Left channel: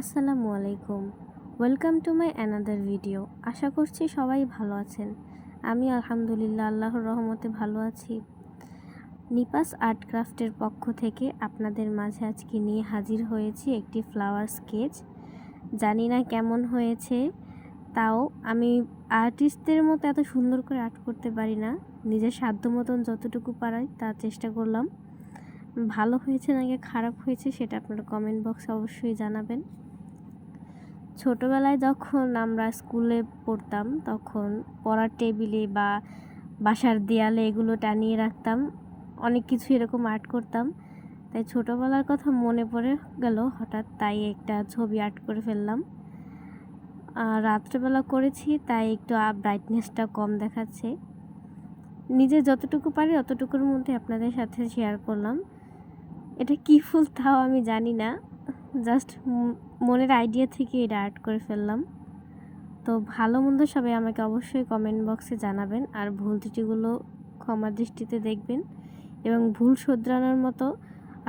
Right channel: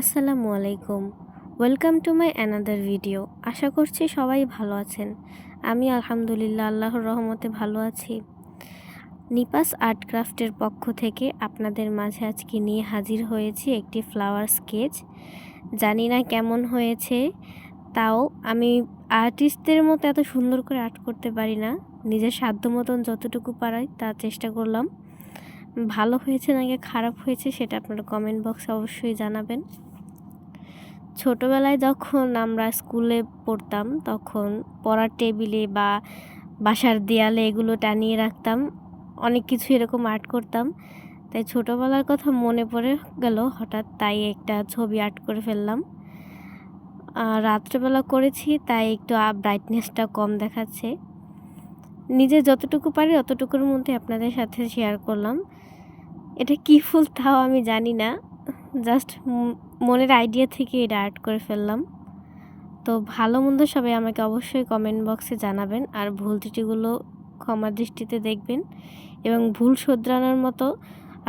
আসসালামু আলাইকুম। Welcome to my another video. আশা করছি সবাই ভালো আছেন। আমি আলহামদুলিল্লাহ আল্লাহর রহমতে ভালো আছি। নিপাস আর্ট ক্রাফটের পক্ষ থেকে আপনাদের মাঝে আজকে নিয়ে হাজির হয়েছি একটি ফ্লাওয়ার স্কেচ। জানি না কেমন হয়েছে, তাও আমি আর্টিস্টদের মতো এত সুন্দর করে আর্ট করতে পারি না। নিজের সাধ্য মতন যতটুকু পারাই তার চেষ্টা করলাম। ভালো হয়েছে নাকি খারাপ হয়েছে সেটা আপনারা কমেন্ট বক্সে অবশ্যই জানাবেন। ছোটোবেলায় যখন আমরা স্কুলে পড়তাম তখন পড়ার টেবিলে বা বাসার দেয়ালে এগুলো টানিয়ে রাখতাম, অনেক কিছু এরকম আর্ট করতাম। তাই ছোটোবেলার কথা মনে পড়ে গেল হঠাৎ, তাই একটা ছবি আর্ট করে ফেললাম। রাত্রেবেলা করেছি তাই একটু ব্রাইটনেসটা কম দেখাচ্ছে। নিজে যতটুকু পারি অতটুকুর মধ্যে আপনাদের সাথে শেয়ার করলাম। এটা কী ফুল তাও আমি জানি না, জাস্ট মনের আইডিয়া থেকে এটা আর্ট করে ফেললাম। তো ভালো মন্দ সবাই আমাকে অবশ্যই কমেন্ট বক্সে জানাবেন, আর ভুল ত্রুটিগুলো ক্ষমার দৃষ্টিতে দেখবেন এবং ভুল শোধরানোর মতো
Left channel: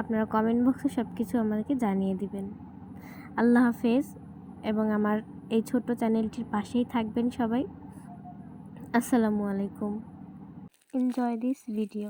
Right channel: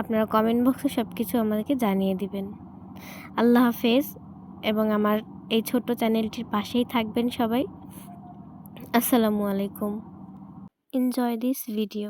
আপনারা কমেন্ট বক্সে সব কিছু আমাদেরকে জানিয়ে দিবেন। আল্লাহ হাফেজ, এবং আমার এই ছোট্ট চ্যানেলটির পাশেই থাকবেন সবাই। আসসালামু আলাইকুম। Enjoy this video.